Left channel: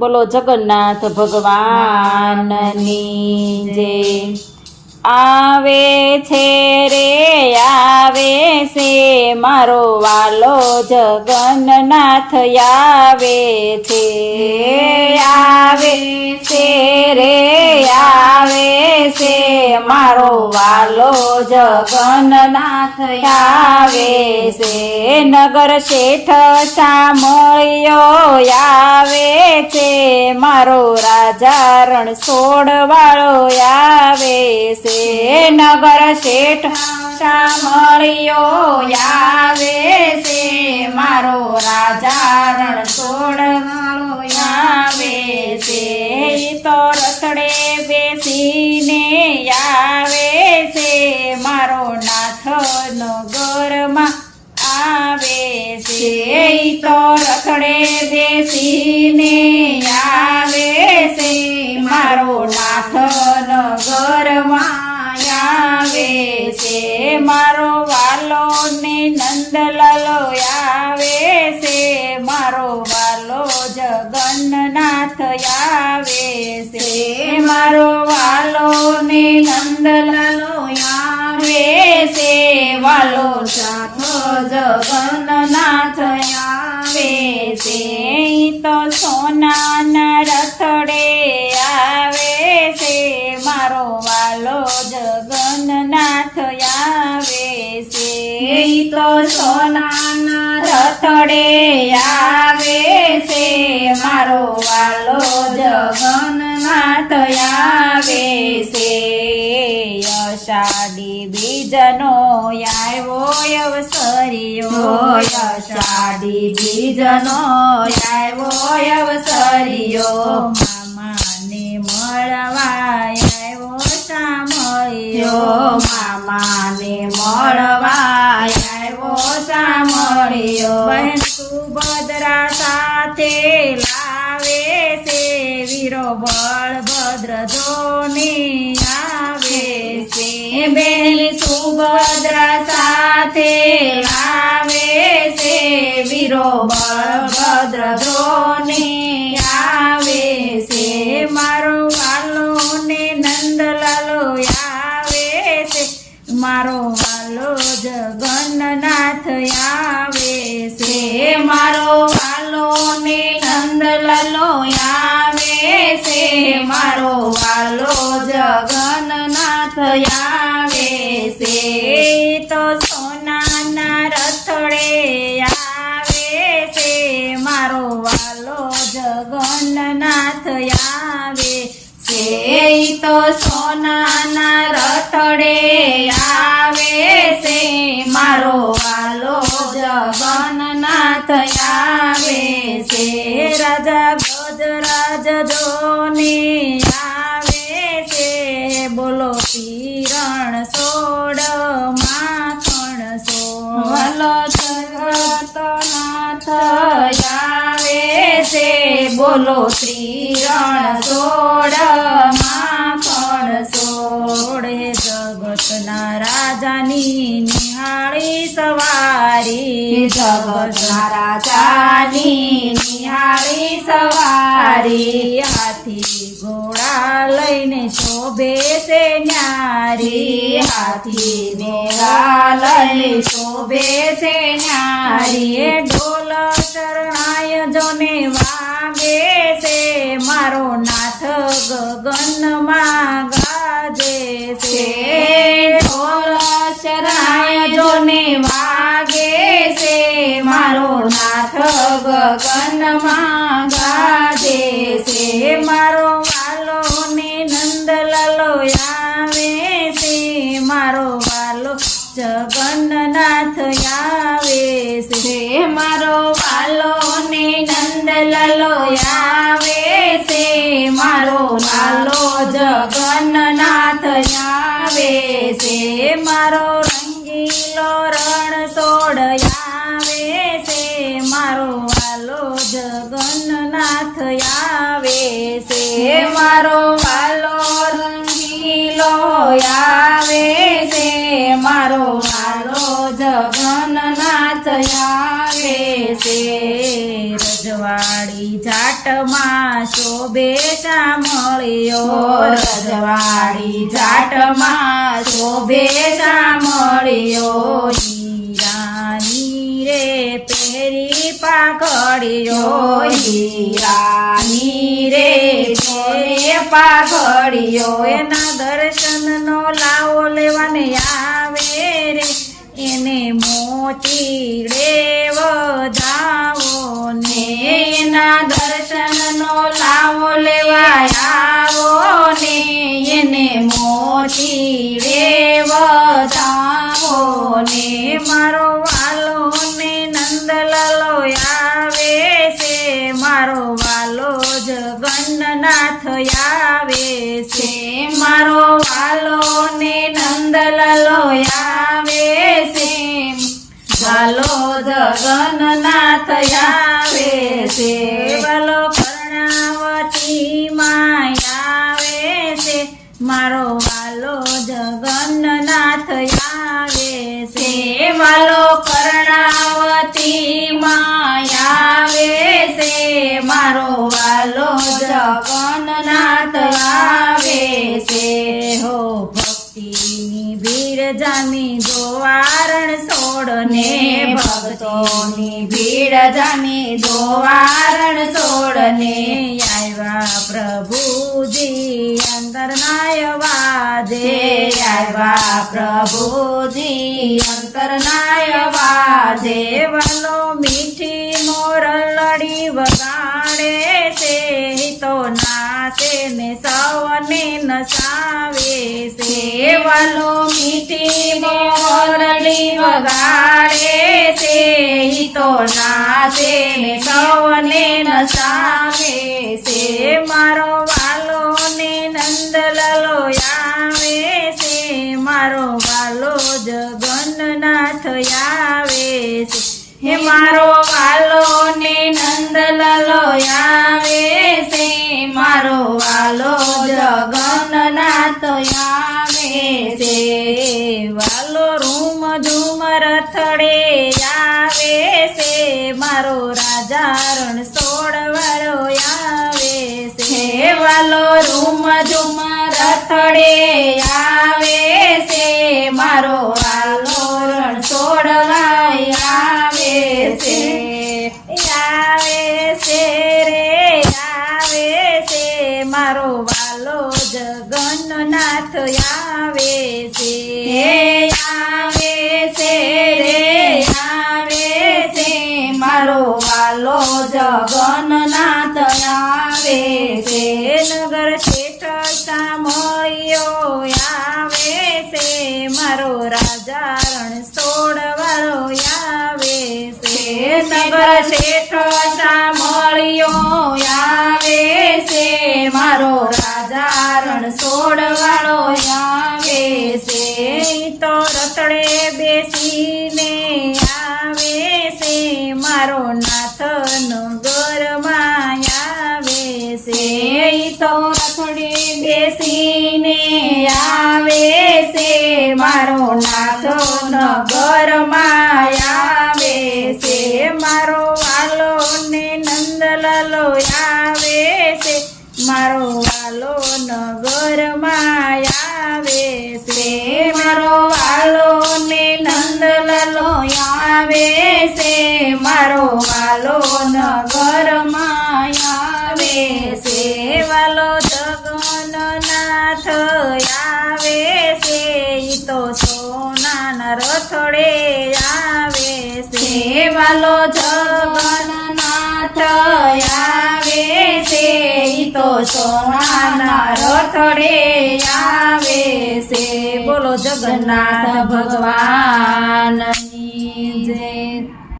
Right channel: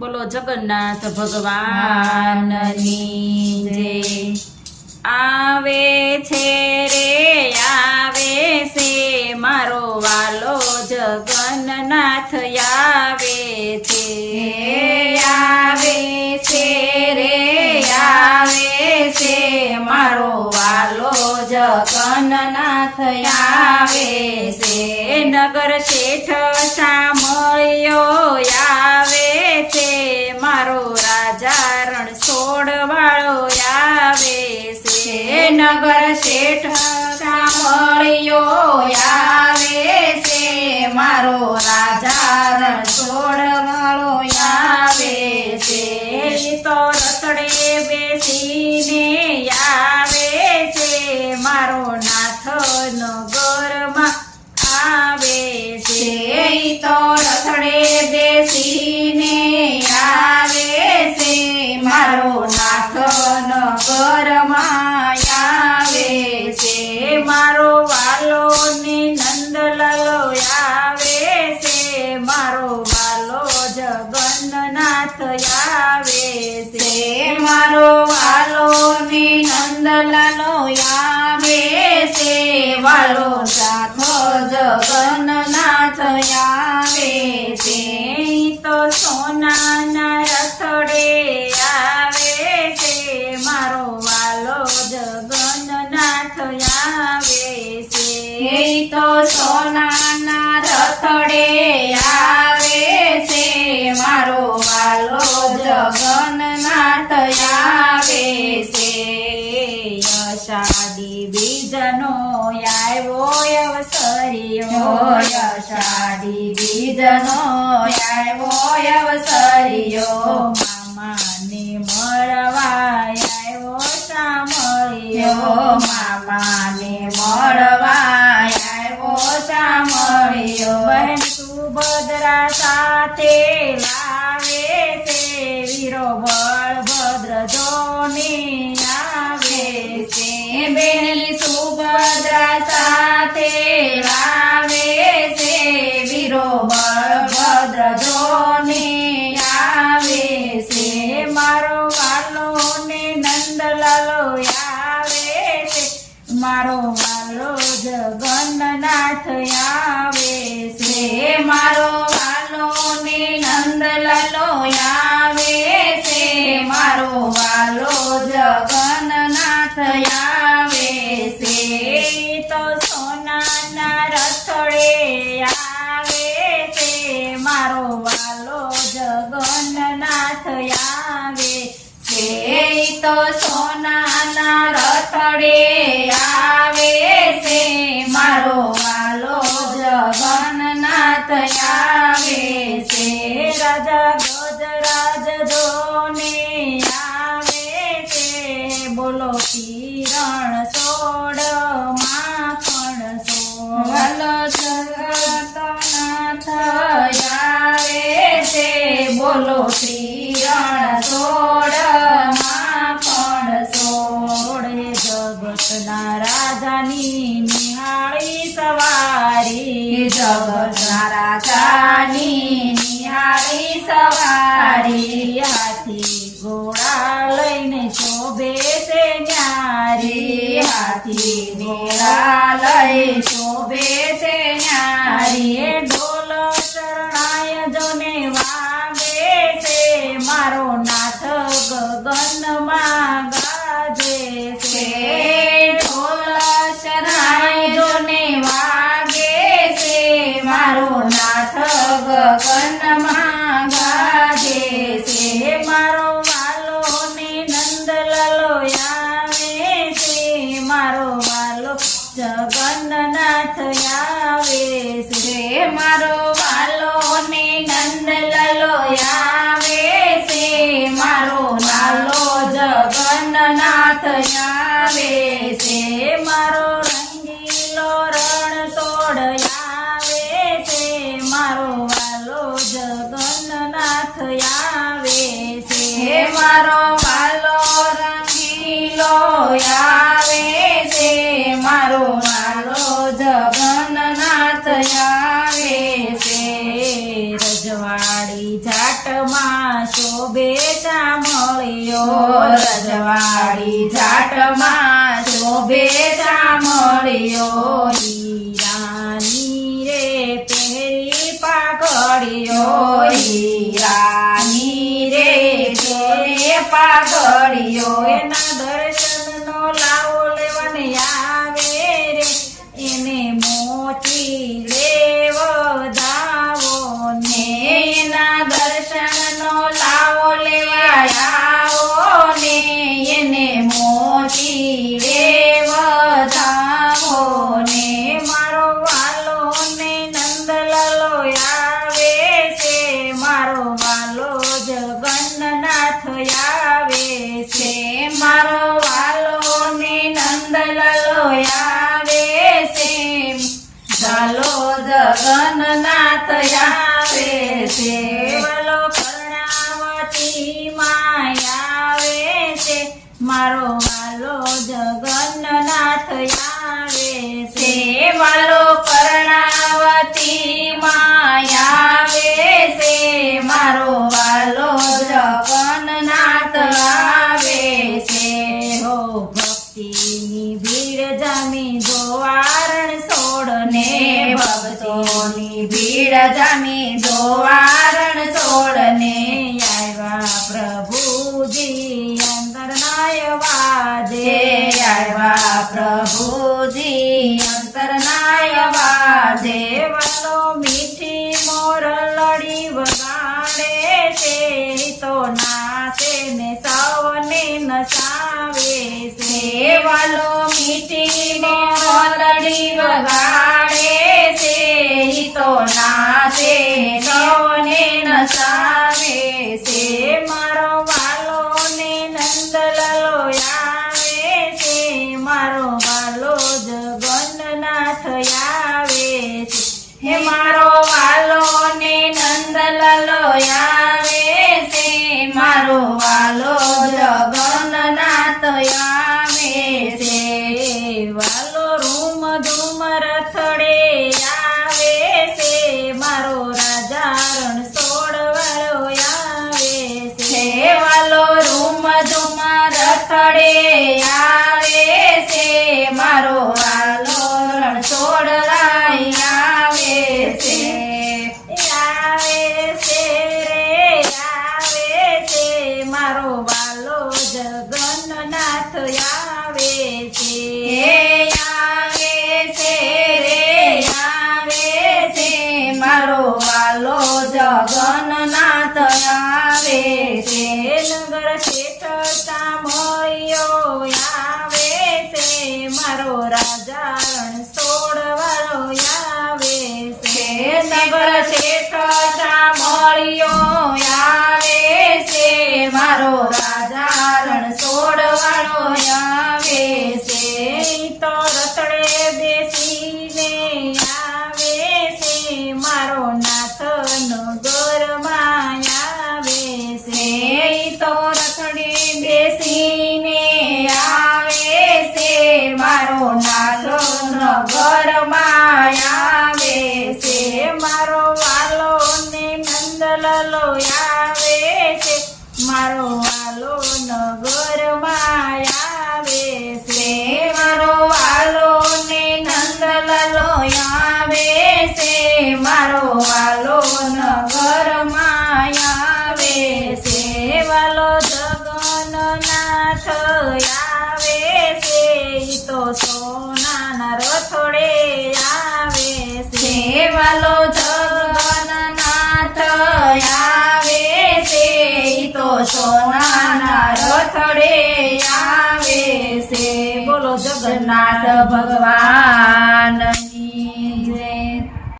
બોલો જગન્નાથ ભગવાનની જય। આવે છે રે આવે છે મારો વાલો જગન્નાથ આવે છે। આવે છે રે આવે છે મારો વાલો જગન્નાથ આવે છે। નગર શેઠ સામળિયો આવે છે મારો રાજા રણછોડ વાળો આવે છે। નગર શેઠ સામળિયો આવે છે મારો રાજા રણછોડ વાળો આવે છે। તો રથડે બેસીને આવે છે મારો નાથ નગરમાં આવે છે। તો રથડે બેસીને આવે છે મારો નાથ નગરમાં આવે છે। મારો વાલો ને નંદલાલો આવે છે મારો વાલો જગન્નાથ આવે છે। મારો વાલો ને નંદલાલો આવે છે વાલો સાથો જગન્નાથ આવે છે। તો સોનાના રથડે આવે છે મારો વાલો જગન્નાથ આવે છે। તો સોનાના રથડે આવે છે મારો વાલો જગન્નાથ આવે છે। અષાઢી બીજનો આવ્યો અવસરિયો અષાઢી બીજનો આવ્યો અવસરિયો મામાને મળવા આવ્યો સામળિયો મામાને મળવા આવ્યો સામળિયો। બહેન સુભદ્રા સાથે લાવે છે વીરો બળભદ્ર જોની આવે છે। બેન સુભદ્રા સાથે લાવે છે વીરો બળભદ્ર જોની આવે છે। મારો વાલો ને નંદલાલો આવે છે મારો વાલો જગન્નાથ આવે છે। મારો વાલો ને નંદલાલો આવે છે મારો વાલો જગન્નાથ આવે છે। તો સોનાના રથડે આવે છે મારો વાલો જગન્નાથ આવે છે। તો સોનાના રથડે આવે છે મારો વાલો જગન્નાથ આવે છે। રાજા ગજરાજ જોને આવે છે બોલો કિરણ સોડ માખણ સોડ જગતનાથ આવે છે બોલો શ્રીરણ સોડ માખણ સોડ। જગતના રાજાની નિહાળી સવારી જગતના રાજાની નિહાળી સવારી। હાથી ઘોડા લઈને શોભે છે ન્યારી હાથી ઘોડા લઈ શોભે છે ન્યારી। ઢોલ શરણાય જોને વાગે છે મારો નાથ ગગનમાં ગાજે છે। ઢોલ શરણાય જોને વાગે છે મારો નાથ ગગનમાં ગાજે છે। મારો વાલો ને નંદલાલો આવે છે મારો વાલો જગન્નાથ આવે છે। મારો વાલો ને નંદલાલો આવે છે મારો વાલો જગન્નાથ આવે છે। મારો રંગીલો રણછોડ આવે છે મારો વાલો જગન્નાથ આવે છે। મારો વાલો રંગીલો આવે છે મારો વાલો જગન્નાથ આવે છે। રજવાડી જાટ જાટમાં શોભે સામળિયો રજવાડી જાટમાં શોભે સામળિયો હીરાની રે પહેરી પાઘડિયો હીરાની રે જોડે પાઘડિયો એના દર્શનનો લાવો લેવાને આવે રે એને મોતીડે વધાવો ને એના દર્શનનો લાવો લેવા આવો ને એને મોતી રે વધાવો ને મારો વાલો ને નંદલાલો આવે છે મારો વાલો જગન્નાથ આવે છે મારો વાલો ને નંદલાલો આવે છે વાલો જગન્નાથ આવે છે વાલો કર્ણાવતી માં આવે છે મારો વાલો જગન્નાથ આવે છે વાલો કર્ણાવતી માં આવે છે મારો વાલો જગન્નાથ આવે છે હો ભક્તિની ભીડ જામી દ્વારણ છોડને ભક્તોની ભીડ જામી દ્વારણ છોડને આવ્યા પ્રભુજી અંતરનાય વાજે આવ્યા પ્રભુજી અંતરનાય વાજે વાલો મીઠી મોરલડી વગાડે છે તો નાચે ને સૌને નસાવે છે વાલો મીઠી મોરલી વગાડે છે ઈ તો નાચે ને સૌને નસાવે છે મારો વાલો ને નંદલાલો આવે છે મારો વાલો જગન્નાથ આવે છે હે મારો વાલો ને નંદલાલો આવે છે મારો વાલો જગન્નાથ આવે છે વાલો રૂમ ધૂમ રથડે આવે છે મારો રાજા રણ છોડવાળો આવે છે વાલો રૂમ ધૂમ રથડે આવે છે મારો વાલો રણ છોડવાય આવે છે આવે છે રે આવે છે મારો વાલો જગન્નાથ આવે છે આવે છે રે આવે છે મારો વાલો જગન્નાથ આવે છે નગર શેઠ સામળિયો આવે છે મારો રાજા રણ છોડવાળો આવે છે નગર શેઠ સામળિયો આવે છે મારો રાજા રણ છોડવાળો આવે છે તો રતડે બેસીને આવે છે મારો નાથ નગરમાં આવે છે તો રથડે બેસીને આવે છે મારો નાથો નગરમાં આવે છે મારો વાલો ને નંદલાલો આવે છે મારો વાલો નગરમાં આવે છે મારો વાલો ને નંદલાલો આવે છે મારો વાલો નગરમાં આવે છે વાલો જગન્નાથ આવે છે ઈ તો સોનાના રથડે આવે છે વાલો જગન્નાથ આવે છે ઈ તો સોનાના રથડે આવે છે બોલો જગન્નાથ ભગવાન